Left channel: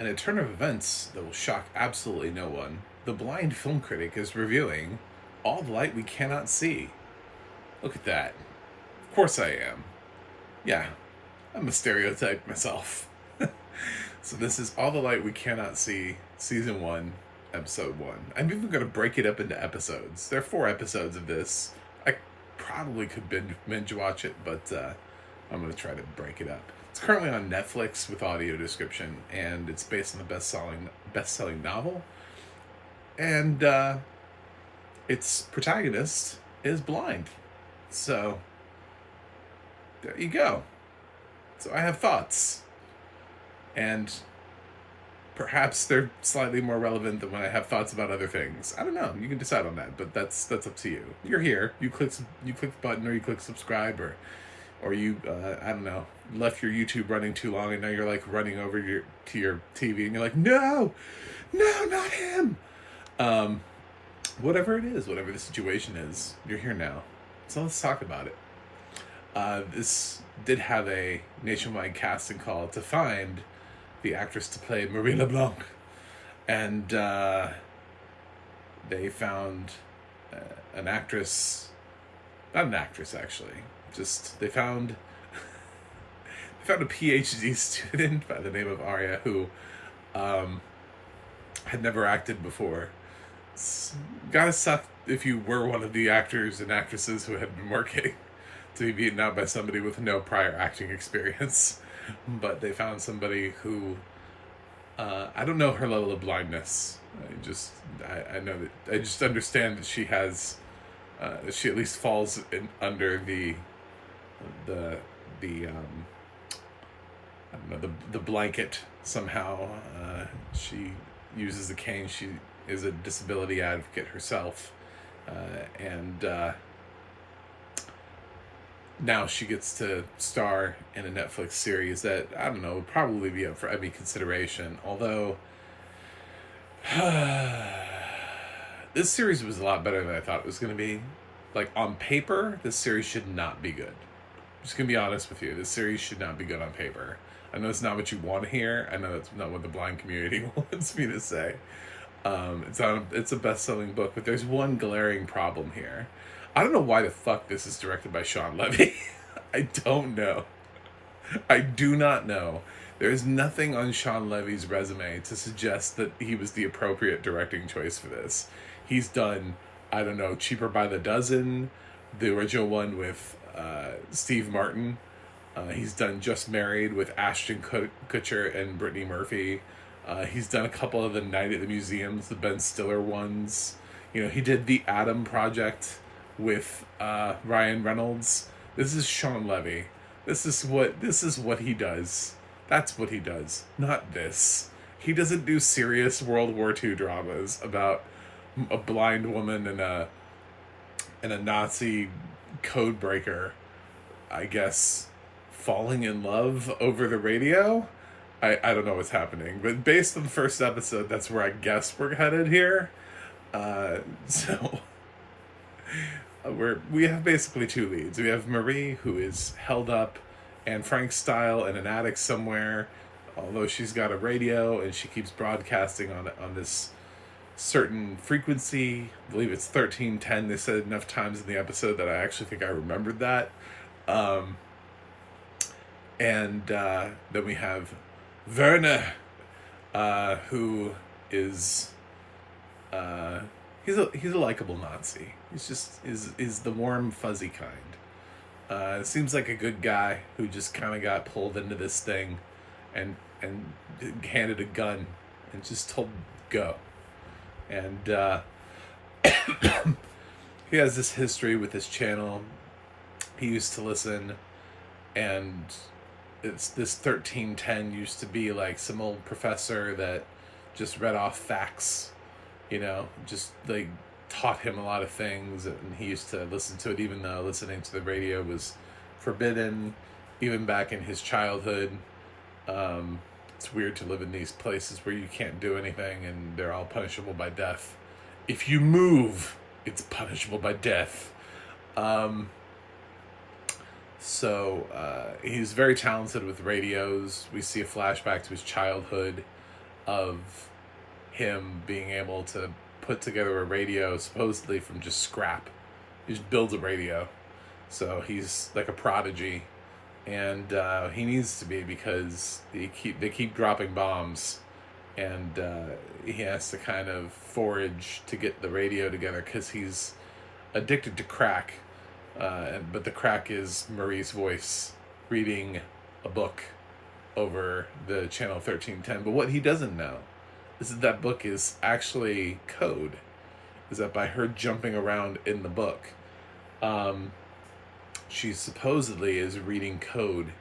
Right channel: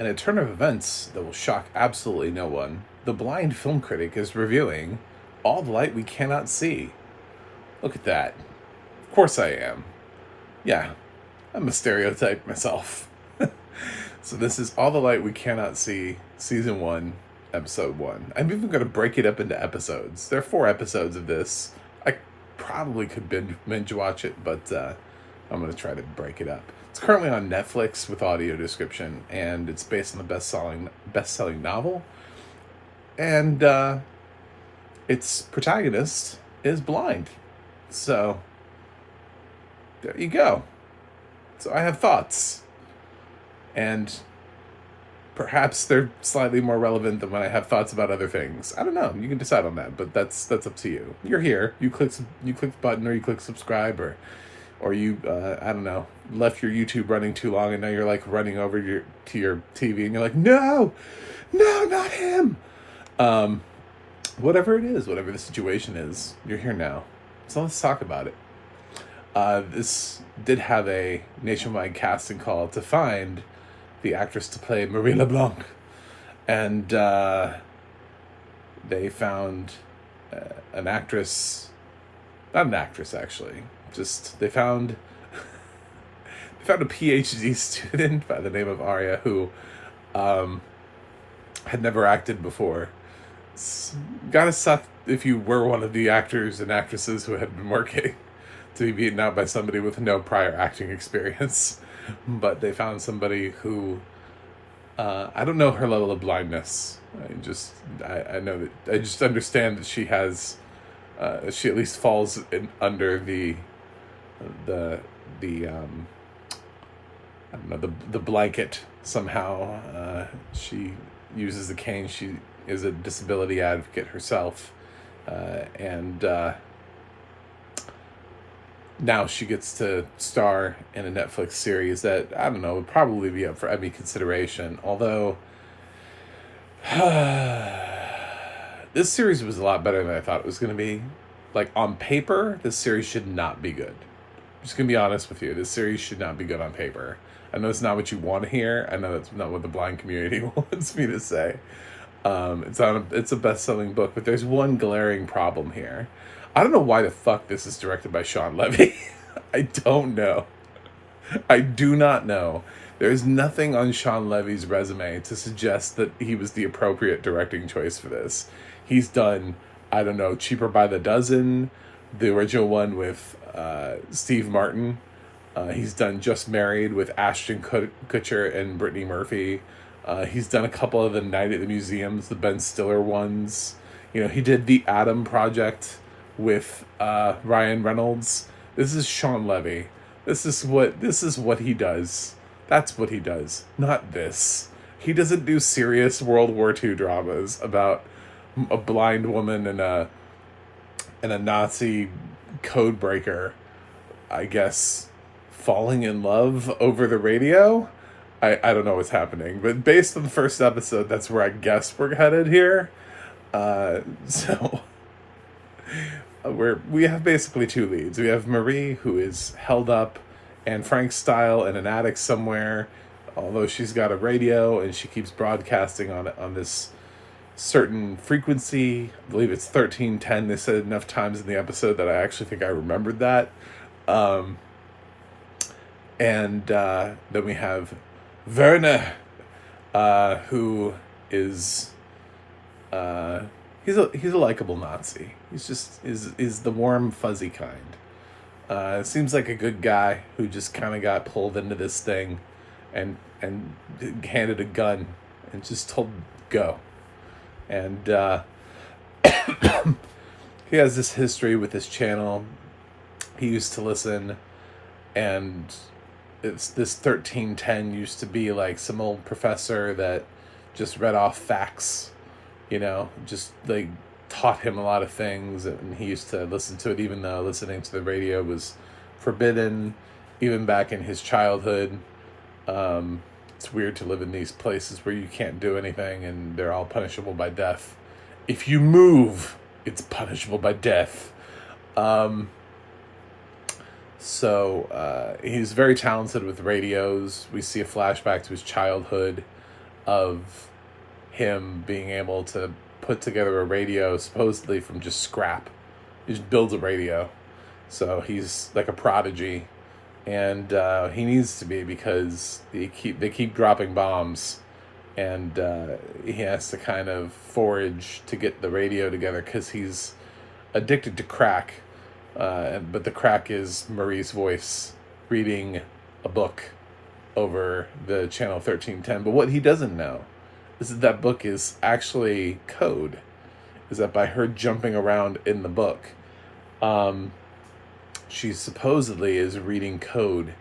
In a turn of events that will shock absolutely no one, the blind film critic is reviewing All the Light We Cannot See. Look at that. Of course I am. Yeah, I'm a stereotype myself. So this is All the Light We Cannot See, Season 1, Episode 1. I'm even going to break it up into episodes. There are 4 episodes of this. I probably could binge watch it, but I'm going to try to break it up. It's currently on Netflix with audio description, and it's based on the best-selling novel. And its protagonist is blind. So there you go. So I have thoughts. And perhaps they're slightly more relevant than when I have thoughts about other things. I don't know. You can decide on that, but that's up to you. You're here. You click the button, or you click subscribe, or you I don't know, left your YouTube running too long, and now you're like running over to your TV, and you're like, no, not him. Whatever it is, whatever the situation is, you're here now. So let's talk about it. This did have a nationwide casting call to find the actress to play Marie LeBlanc. And they found an actress, not an actress actually, just they found a PhD student by the name of Arya who had never acted before. It's gotta suck if you were one of the actors and actresses who had been working to be beaten out by somebody with no prior acting experience. But they found somebody who, I don't know her level of blindness. I know that, I just understand that she has, she at least falls under the I don't know, the blanket somehow. She uses the cane. She is a disability advocate herself. And now she gets to star in a Netflix series that, I don't know, would probably be up for Emmy consideration. Although, this series was a lot better than I thought it was going to be. Like, on paper, this series should not be good. I'm just going to be honest with you. This series should not be good on paper. I know it's not what you want to hear. I know that's not what the blind community wants me to say. It's a best-selling book, but there's one glaring problem here. I don't know why the fuck this is directed by Shawn Levy. I don't know. I do not know. There's nothing on Shawn Levy's resume to suggest that he was the appropriate directing choice for this. He's done, I don't know, Cheaper by the Dozen, the original one with Steve Martin. He's done Just Married with Ashton Kutcher and Brittany Murphy. He's done a couple of the Night at the Museums, the Ben Stiller ones. You know, he did The Adam Project with Ryan Reynolds. This is Shawn Levy. This is what he does. That's what he does. Not this. He doesn't do serious World War II dramas about a blind woman and a Nazi code breaker, I guess, falling in love over the radio. I don't know what's happening, but based on the first episode, that's where I guess we're headed here. So we have basically 2 leads. We have Marie, who is held up and Frank style in an attic somewhere, although she's got a radio and she keeps broadcasting on this certain frequency. I believe it's 1310. They said it enough times in the episode that I actually think I remembered that. And then we have Werner, who is he's a likable Nazi. He's just is the warm, fuzzy kind. Seems like a good guy who just kind of got pulled into this thing, and handed a gun and just told go. And he has this history with his channel. He used to listen, and it's this 1310 used to be like some old professor that just read off facts, you know, just like taught him a lot of things, and he used to listen to it even though listening to the radio was forbidden, even back in his childhood. It's weird to live in these places where you can't do anything and they're all punishable by death. If you move, it's punishable by death. So he's very talented with radios. We see a flashback to his childhood. of him being able to put together a radio supposedly from just scrap. He just builds a radio. So he's like a prodigy. And he needs to be, because they keep dropping bombs. And he has to kind of forage to get the radio together, because he's addicted to crack. But the crack is Marie's voice reading a book over the channel 1310. But what he doesn't know is that book is actually code. Is that by her jumping around in the book, she supposedly is reading code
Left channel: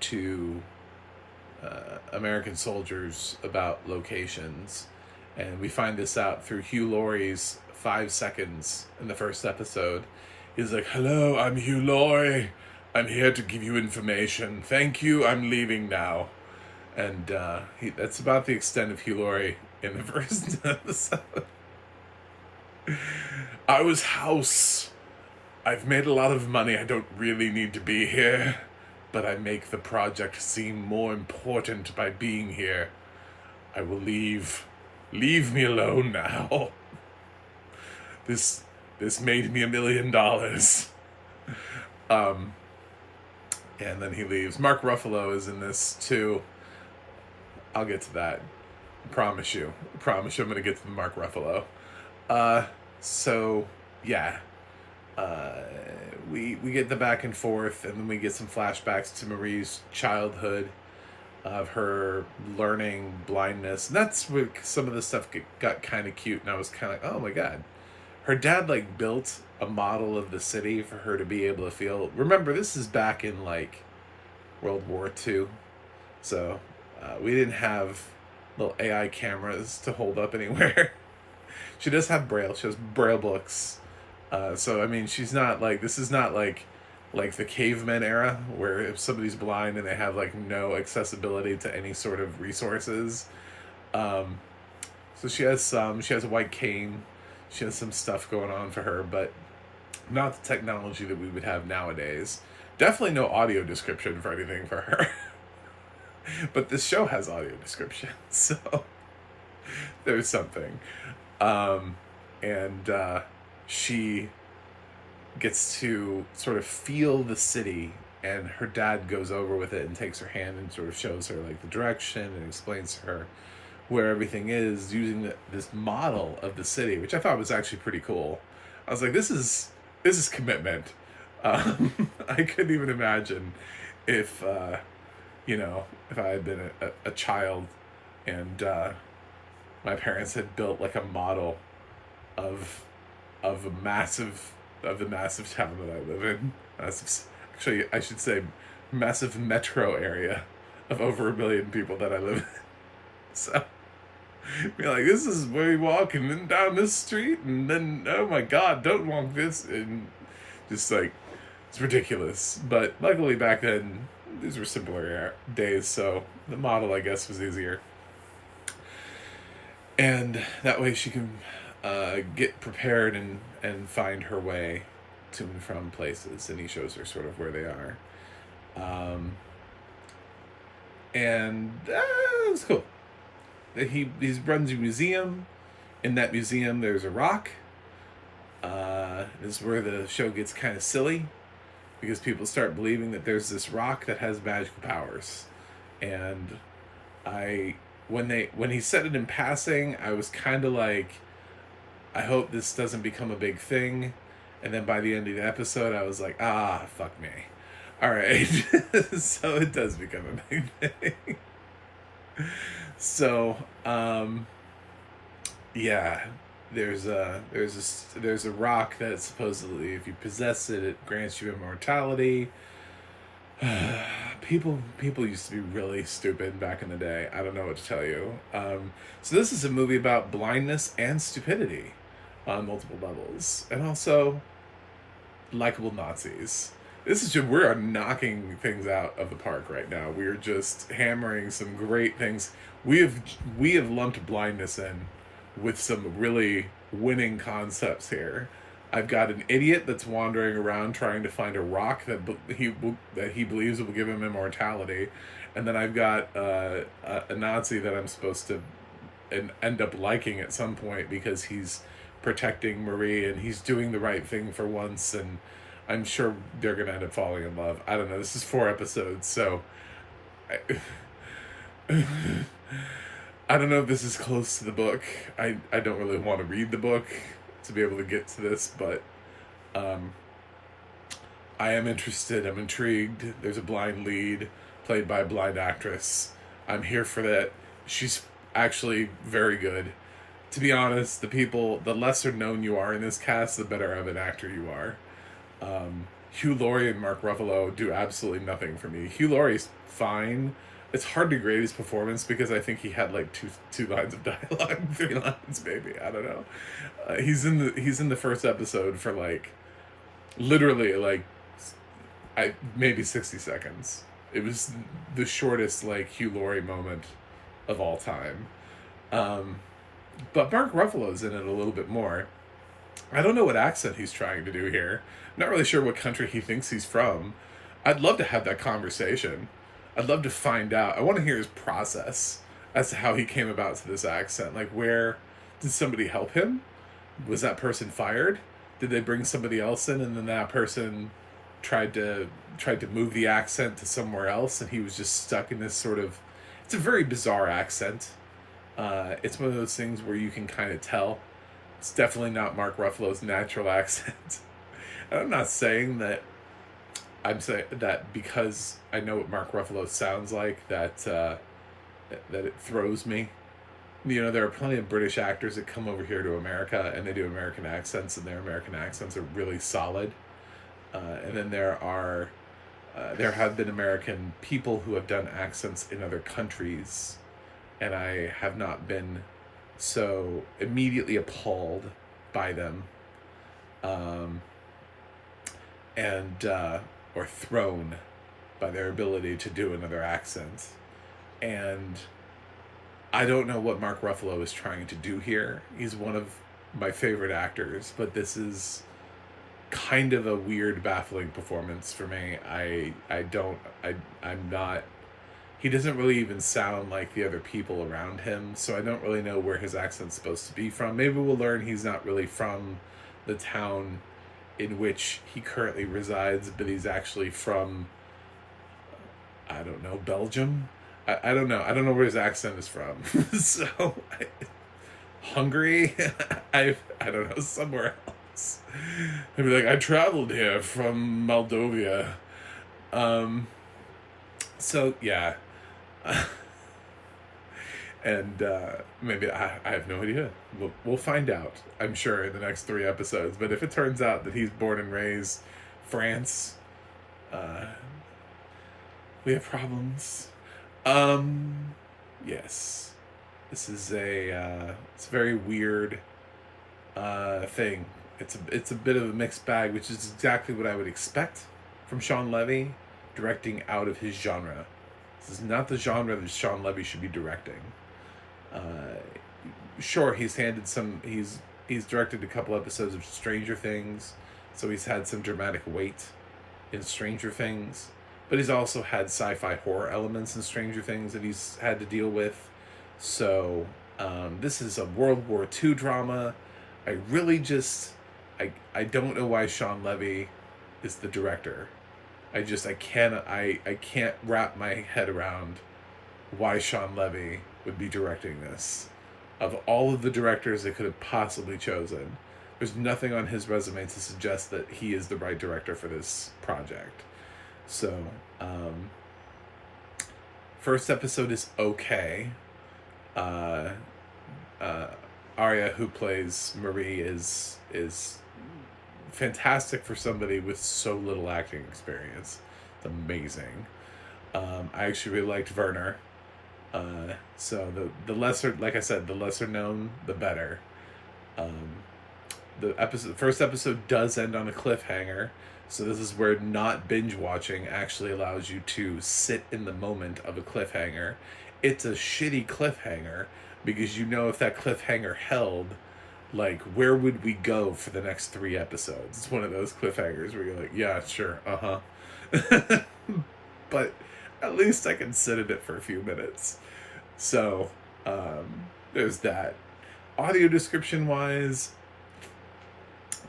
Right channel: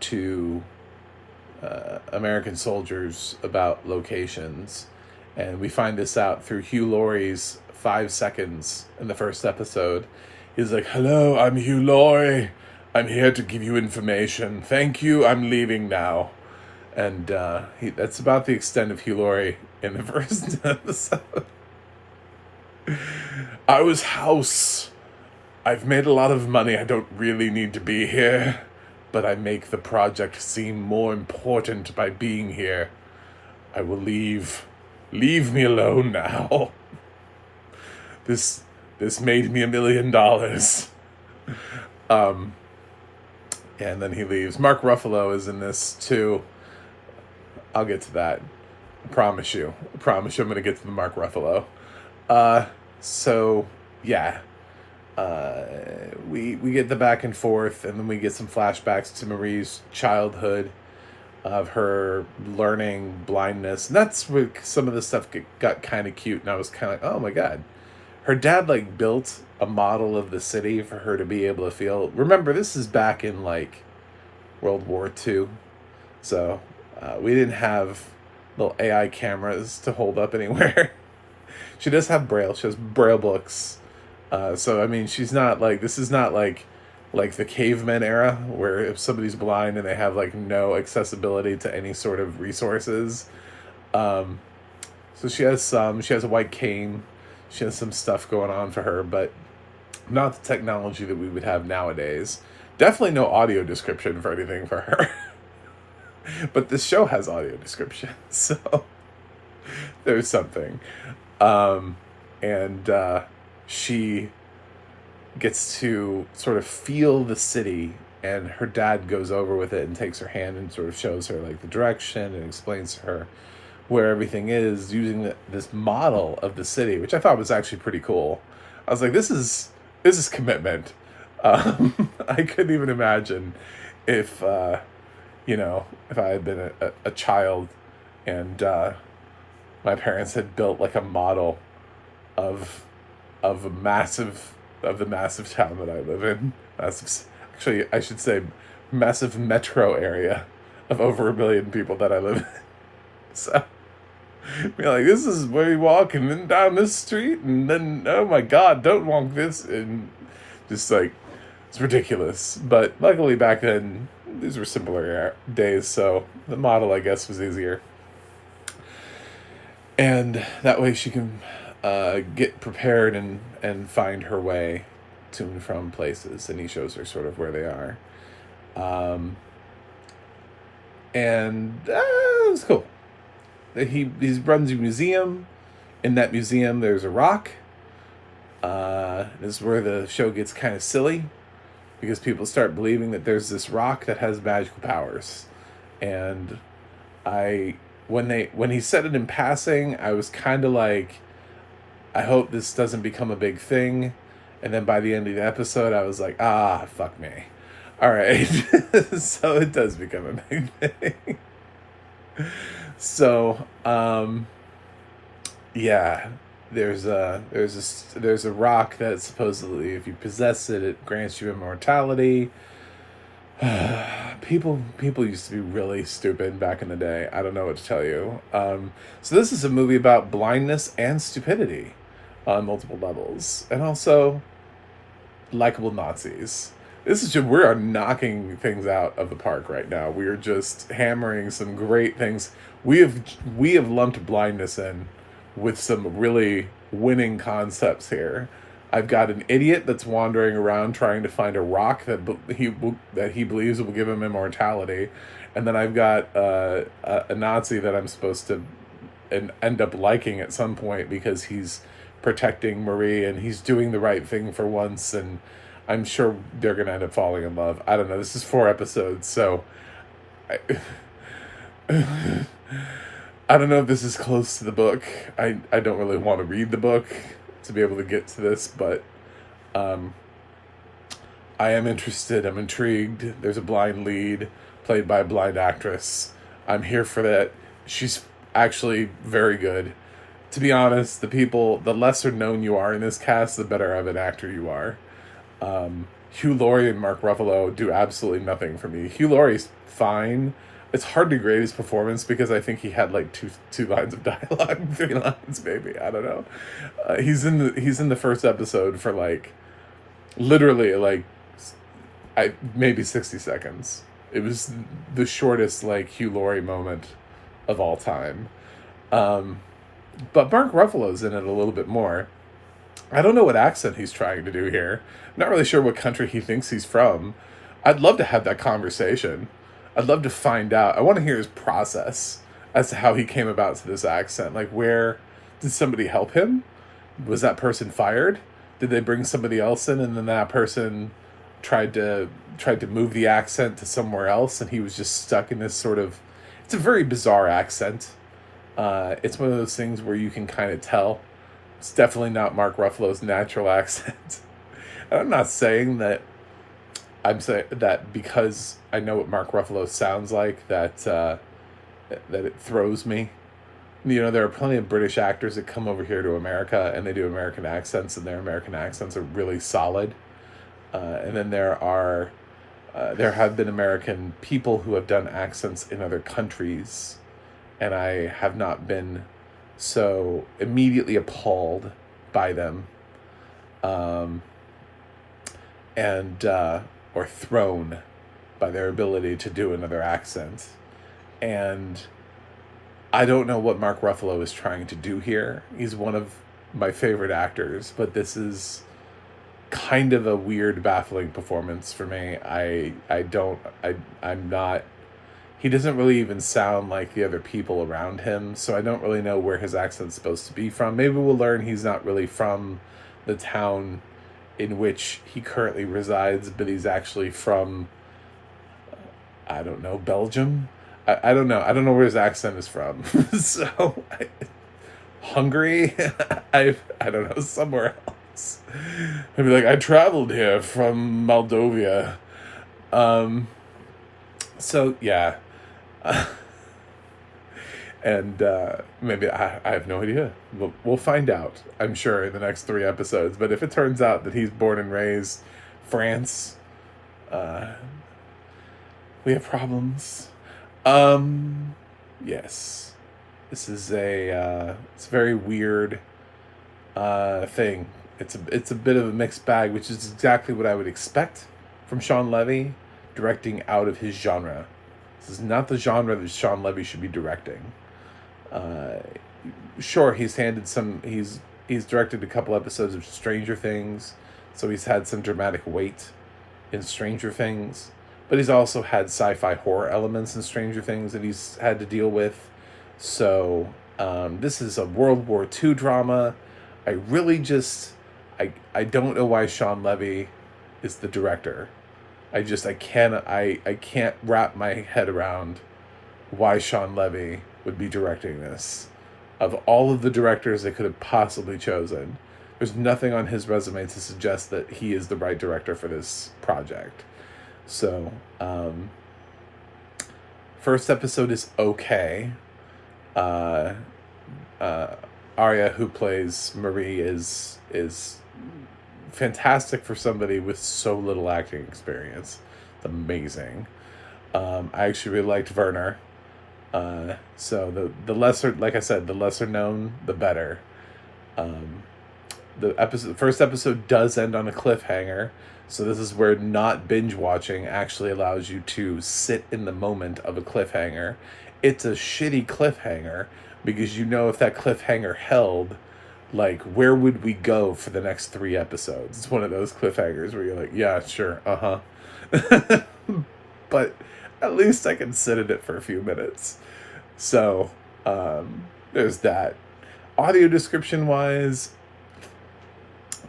to American soldiers about locations. And we find this out through Hugh Laurie's 5 seconds in the first episode. He's like, "Hello, I'm Hugh Laurie. I'm here to give you information. Thank you, I'm leaving now." And that's about the extent of Hugh Laurie in the first episode. "I was House. I've made a lot of money. I don't really need to be here, but I make the project seem more important by being here. I will leave. Leave me alone now. This made me $1 million. And then he leaves. Mark Ruffalo is in this too. I'll get to that. I promise you I'm going to get to the Mark Ruffalo. So yeah. We get the back and forth, and then we get some flashbacks to Marie's childhood, of her learning blindness. And that's where some of the stuff got kind of cute, and I was kind of like, oh my god. Her dad like built a model of the city for her to be able to feel. Remember, this is back in like World War II, so we didn't have little AI cameras to hold up anywhere. She does have Braille. She has Braille books. So I mean, she's not like, this is not like the caveman era, where if somebody's blind and they have like no accessibility to any sort of resources. So she has a white cane. She has some stuff going on for her, but not the technology that we would have nowadays. Definitely no audio description for anything for her. But this show has audio description, so there's something. She gets to sort of feel the city, and her dad goes over with it and takes her hand and sort of shows her like the direction and explains to her where everything is, using this model of the city, which I thought was actually pretty cool. I was like, this is commitment. I couldn't even imagine if I had been a child and my parents had built like a model of the massive town that I live in. Actually, I should say massive metro area of over 1 million people that I live in. So you're like, this is where you walk, and then down this street, and then, oh my god, don't walk this, and just like, it's ridiculous. But luckily back then, these were simpler days, so the model, I guess, was easier. And that way she can get prepared and find her way to and from places, and he shows her sort of where they are. And it was cool. He runs a museum. In that museum, there's a rock. This is where the show gets kind of silly, because people start believing that there's this rock that has magical powers. And when he said it in passing, I was kind of like, I hope this doesn't become a big thing. And then by the end of the episode, I was like, fuck me. All right. So it does become a big thing. So, yeah, there's a rock that supposedly, if you possess it, it grants you immortality. People used to be really stupid back in the day. I don't know what to tell you. So this is a movie about blindness and stupidity on multiple levels, and also likable Nazis. We are knocking things out of the park right now. We are just hammering some great things. We have lumped blindness in with some really winning concepts here. I've got an idiot that's wandering around trying to find a rock that he believes will give him immortality, And then I've got a Nazi that I'm supposed to end up liking at some point because he's protecting Marie and he's doing the right thing for once, and I'm sure they're going to end up falling in love. I don't know. This is 4 episodes, so I, I don't know if this is close to the book. I don't really want to read the book to be able to get to this, but I am interested. I'm intrigued. There's a blind lead played by a blind actress. I'm here for that. She's actually very good. To be honest, the lesser known you are in this cast, the better of an actor you are. Hugh Laurie and Mark Ruffalo do absolutely nothing for me. Hugh Laurie's fine. It's hard to grade his performance because I think he had like two lines of dialogue, 3 lines maybe. I don't know. He's in the first episode for like literally like maybe 60 seconds. It was the shortest like Hugh Laurie moment of all time. But Mark Ruffalo's in it a little bit more. I don't know what accent he's trying to do here. Not really sure what country he thinks he's from. I'd love to have that conversation. I'd love to find out. I want to hear his process as to how he came about to this accent. Like, where did somebody help him? Was that person fired? Did they bring somebody else in, and then that person tried to move the accent to somewhere else, and he was just stuck in this sort of... It's a very bizarre accent. It's one of those things where you can kind of tell. It's definitely not Mark Ruffalo's natural accent. And I'm not saying that... I'm saying that because I know what Mark Ruffalo sounds like, that it throws me. You know, there are plenty of British actors that come over here to America and they do American accents, and their American accents are really solid. And then there have been American people who have done accents in other countries, and I have not been so immediately appalled by them, or thrown by their ability to do another accent. And I don't know what Mark Ruffalo is trying to do here. He's one of my favorite actors, but this is kind of a weird, baffling performance for me. I'm not... He doesn't really even sound like the other people around him, so I don't really know where his accent's supposed to be from. Maybe we'll learn he's not really from the town in which he currently resides, but he's actually from, I don't know, Belgium? I don't know. I don't know where his accent is from. Hungary? I don't know, somewhere else. I'd be like, I traveled here from Moldova. So, yeah. And maybe I have no idea. We'll find out, I'm sure, in the next 3 episodes. But if it turns out that he's born and raised France, we have problems. Yes, this is it's a very weird thing. It's a bit of a mixed bag, which is exactly what I would expect from Shawn Levy, directing out of his genre. This is not the genre that Shawn Levy should be directing. Sure, he's directed a couple episodes of Stranger Things, so he's had some dramatic weight in Stranger Things, but he's also had sci-fi horror elements in Stranger Things that he's had to deal with. So this is a World War II drama. I don't know why Shawn Levy is the director. I can't wrap my head around why Shawn Levy would be directing this. Of all of the directors they could have possibly chosen, there's nothing on his resume to suggest that he is the right director for this project. So, first episode is okay. Arya, who plays Marie, is fantastic for somebody with so little acting experience. It's amazing. I actually really liked Werner. So the lesser, like I said, the lesser known, the better. The first episode does end on a cliffhanger, so this is where not binge watching actually allows you to sit in the moment of a cliffhanger. It's a shitty cliffhanger because you know if that cliffhanger held, like, where would we go for the next 3 episodes? It's one of those cliffhangers where you're like, yeah, sure, But at least I can sit in it for a few minutes. So there's that. Audio description wise,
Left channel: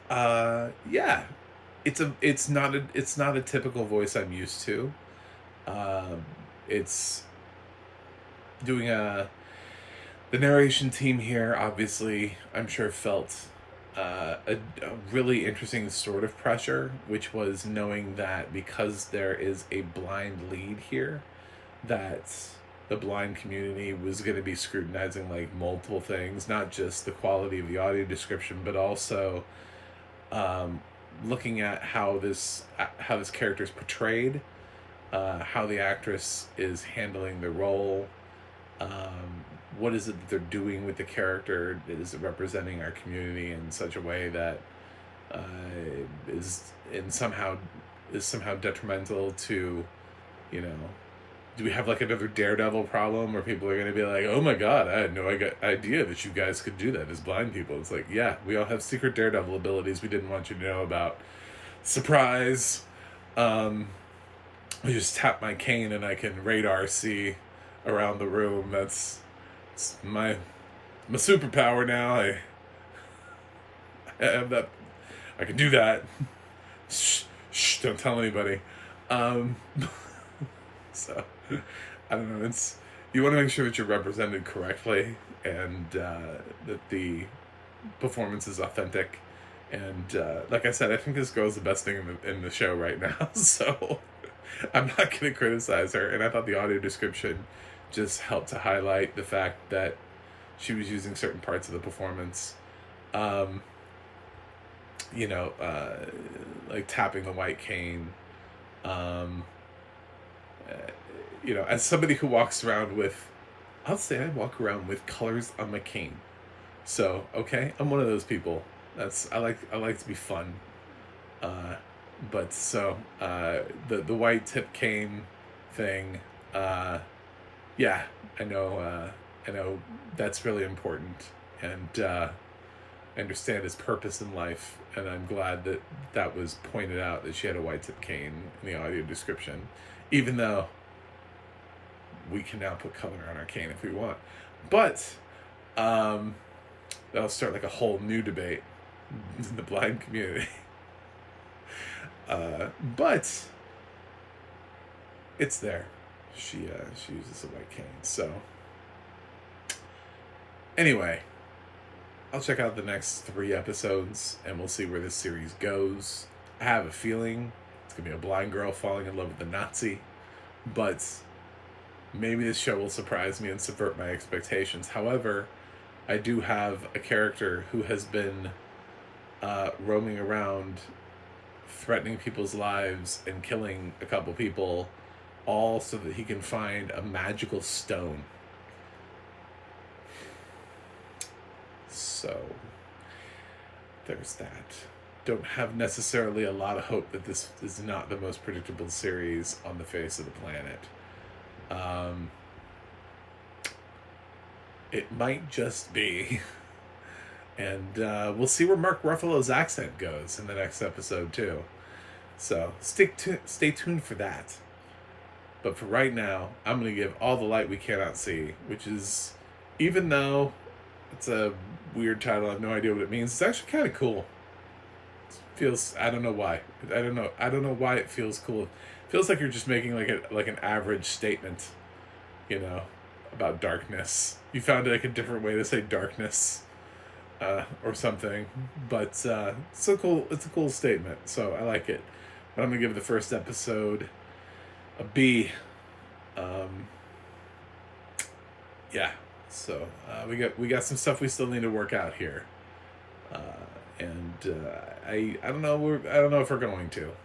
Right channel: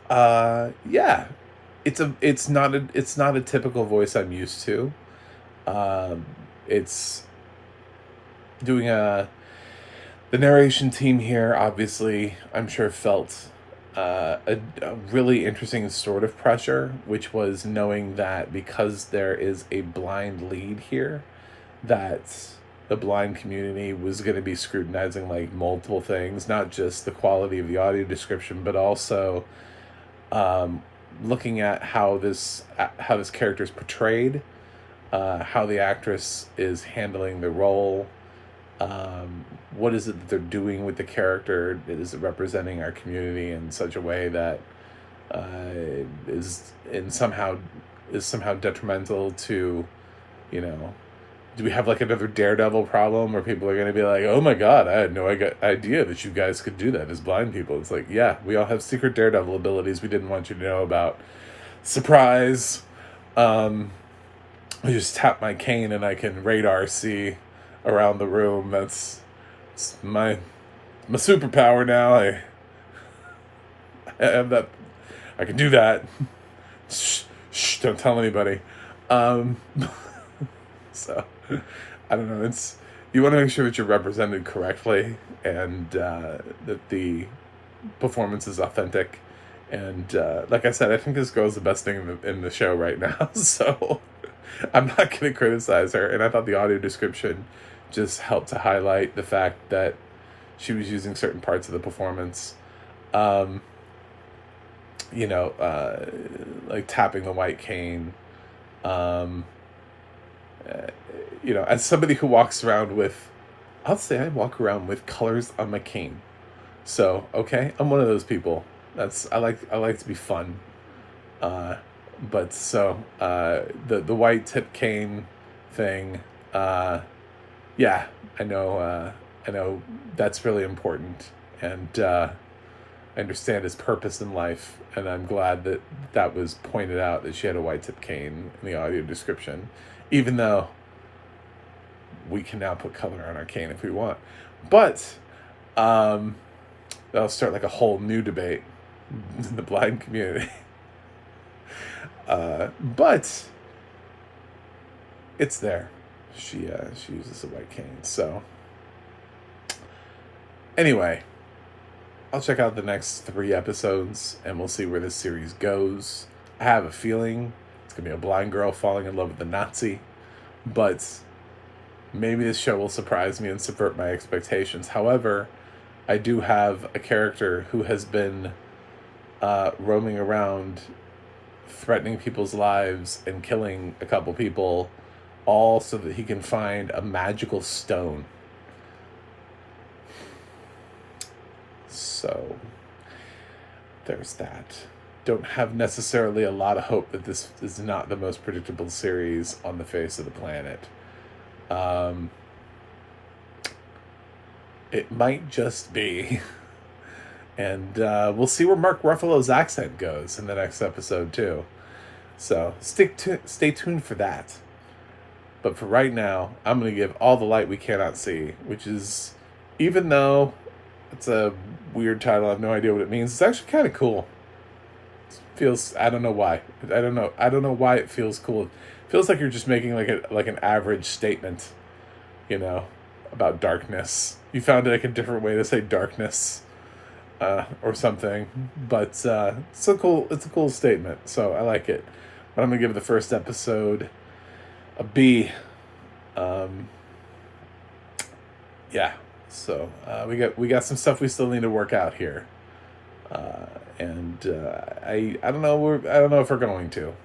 yeah, it's not a typical voice I'm used to. It's doing the narration team here, obviously, I'm sure felt a really interesting sort of pressure, which was knowing that because there is a blind lead here, that the blind community was going to be scrutinizing like multiple things, not just the quality of the audio description, but also looking at how this character is portrayed, how the actress is handling the role. What is it that they're doing with the character? Is it representing our community in such a way that is somehow detrimental to, you know, do we have like another Daredevil problem where people are going to be like, oh my god, I had no idea that you guys could do that as blind people? It's like, yeah, we all have secret Daredevil abilities we didn't want you to know about. Surprise. I just tap my cane and I can radar see around the room. It's my superpower now. I have that. I can do that. Shh, don't tell anybody. So, I don't know. It's, you want to make sure that you're represented correctly and that the performance is authentic. And like I said, I think this girl's the best thing in the show right now. So I'm not going to criticize her. And I thought the audio description just helped to highlight the fact that she was using certain parts of the performance. Like tapping the white cane. As somebody who walks around with, I'll say I walk around with colors on my cane. So, okay, I'm one of those people. I like to be fun. But so, the white tip cane thing, yeah, I know that's really important. And, I understand his purpose in life, and I'm glad that was pointed out, that she had a white tip cane in the audio description, even though we can now put color on our cane if we want. But that'll start like a whole new debate in the blind community. But it's there. She uses a white cane. So anyway, I'll check out the next 3 episodes and we'll see where this series goes. I have a feeling it's going to be a blind girl falling in love with a Nazi, but maybe this show will surprise me and subvert my expectations. However, I do have a character who has been roaming around threatening people's lives and killing a couple people, all so that he can find a magical stone. So there's that. Don't have necessarily a lot of hope that this is not the most predictable series on the face of the planet. It might just be. And we'll see where Mark Ruffalo's accent goes in the next episode too. So stay tuned for that. But for right now, I'm going to give All the Light We Cannot See, which is, even though it's a weird title, I have no idea what it means, it's actually kind of cool. It feels, I don't know why. I don't know why it feels cool. It feels like you're just making like an average statement, about darkness. You found like a different way to say darkness, or something. But it's a cool statement, so I like it. But I'm gonna give the first episode a B. Yeah. So we got some stuff we still need to work out here, and I don't know if we're going to.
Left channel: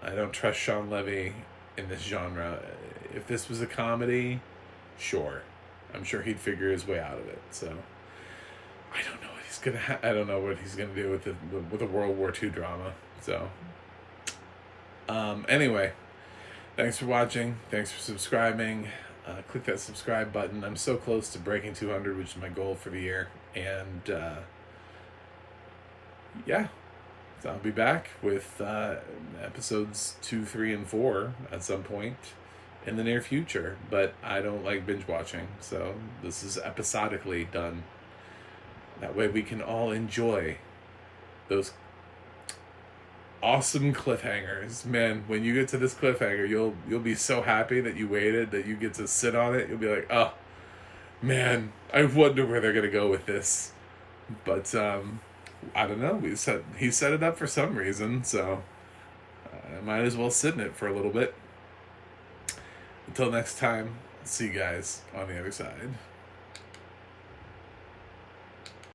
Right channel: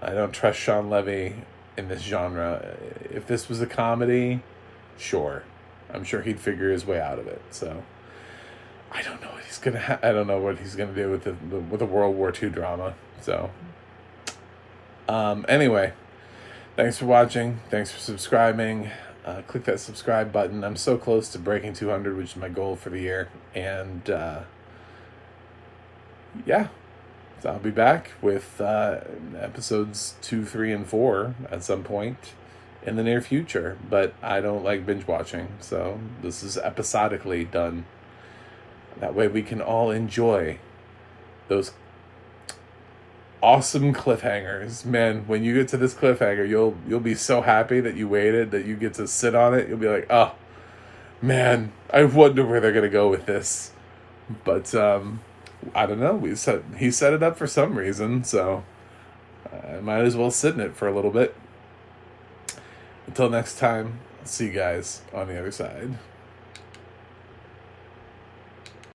I don't trust Sean Levy in this genre. If this was a comedy, sure, I'm sure he'd figure his way out of it. So I don't know what he's gonna. I don't know what he's gonna do with the World War II drama. So anyway, thanks for watching. Thanks for subscribing. Click that subscribe button. I'm so close to breaking 200, which is my goal for the year. And yeah, so I'll be back with episodes 2, 3, and 4 at some point. in the near future. But I don't like binge watching, so this is episodically done. That way we can all enjoy those awesome cliffhangers. Man, when you get to this cliffhanger, you'll be so happy that you waited, that you get to sit on it. You'll be like, oh man, I wonder where they're gonna go with this. But I don't know. He set it up for some reason, so I might as well sit in it for a little bit. Until next time, I'll see you guys on the other side.